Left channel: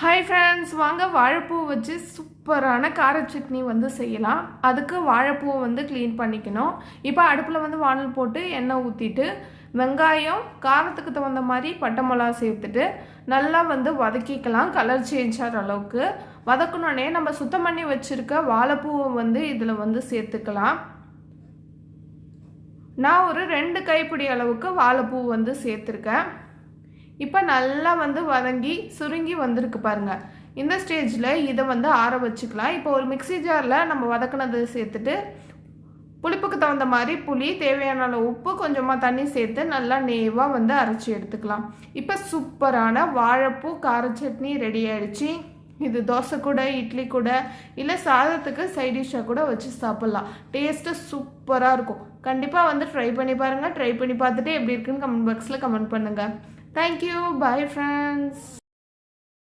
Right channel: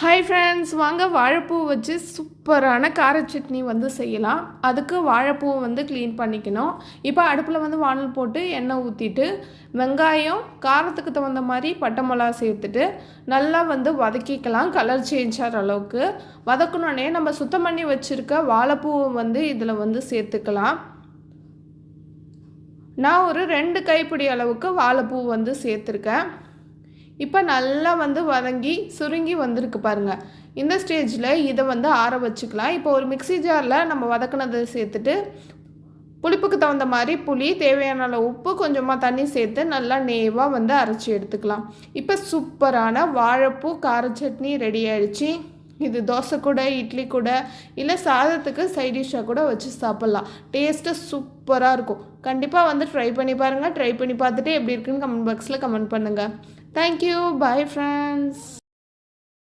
Hi friends, வாங்க வாழைப்பூ வச்சு சூப்பரான கார சட்னி செய்யலாம். அதுக்கு வாழைப்பூவை க்ளீன் பண்ணிக்கணும். இப்போ அடுப்பில் வானல் போட்டு எண்ணெய் ஊற்றிட்டு வெங்காயம் காரத்துக்கு தகுந்த மாதிரி பட்டை மிளகா சேர்த்துட்டு நல்லா வதக்கிக்கலாம். கலர் சேஞ்ச் ஆகிற அளவுக்கு வதக்கணுன்னே நம்ம சுத்தம் பண்ணி வச்சுருக்க வாழைப்பூவை இதில் சேர்த்துக்கலாம். நான் ஒரு 2 கைப்பிடி அளவுக்கு வாழைப்பூ சேர்த்துருக்கேன். இப்போ நல்லா வதங்கி சுருங்கி வந்திருக்கு பாருங்கள். இந்த ஸ்டேஜில் இதை ஆற வச்சுக்கலாம். இப்போ ஒரு மிக்ஸி ஜாரில் நம்ம வதக்கினதை சேர்த்துட்டு புளிப்புக்கு தகுந்த மாதிரி புளி, தேவையான அளவு உப்பு, கொஞ்சமாக தண்ணி சேர்த்து நல்லா நேவாக அரைச்சி எடுத்துக்கலாம். இப்போ சூப்பரான வாழைப்பூ கார சட்னி ரெடி ஆயிடுச்சு. இது தோசை கூட, இட்லி கூட, இல்லை சாதத்துக்கு சைடிஷ்ஷாக கூட வச்சு சாப்பிட்லாம். டேஸ்ட்டு சூப்பராக இருக்கும். கண்டிப்பாக ட்ரை பண்ணி பாருங்கள். ட்ரை பண்ணி பார்த்துட்டு எப்படி இருக்குன்னு கமெண்ட் பாக்ஸில் கமெண்ட் பண்ணுங்கள். Thank you. Bye friends.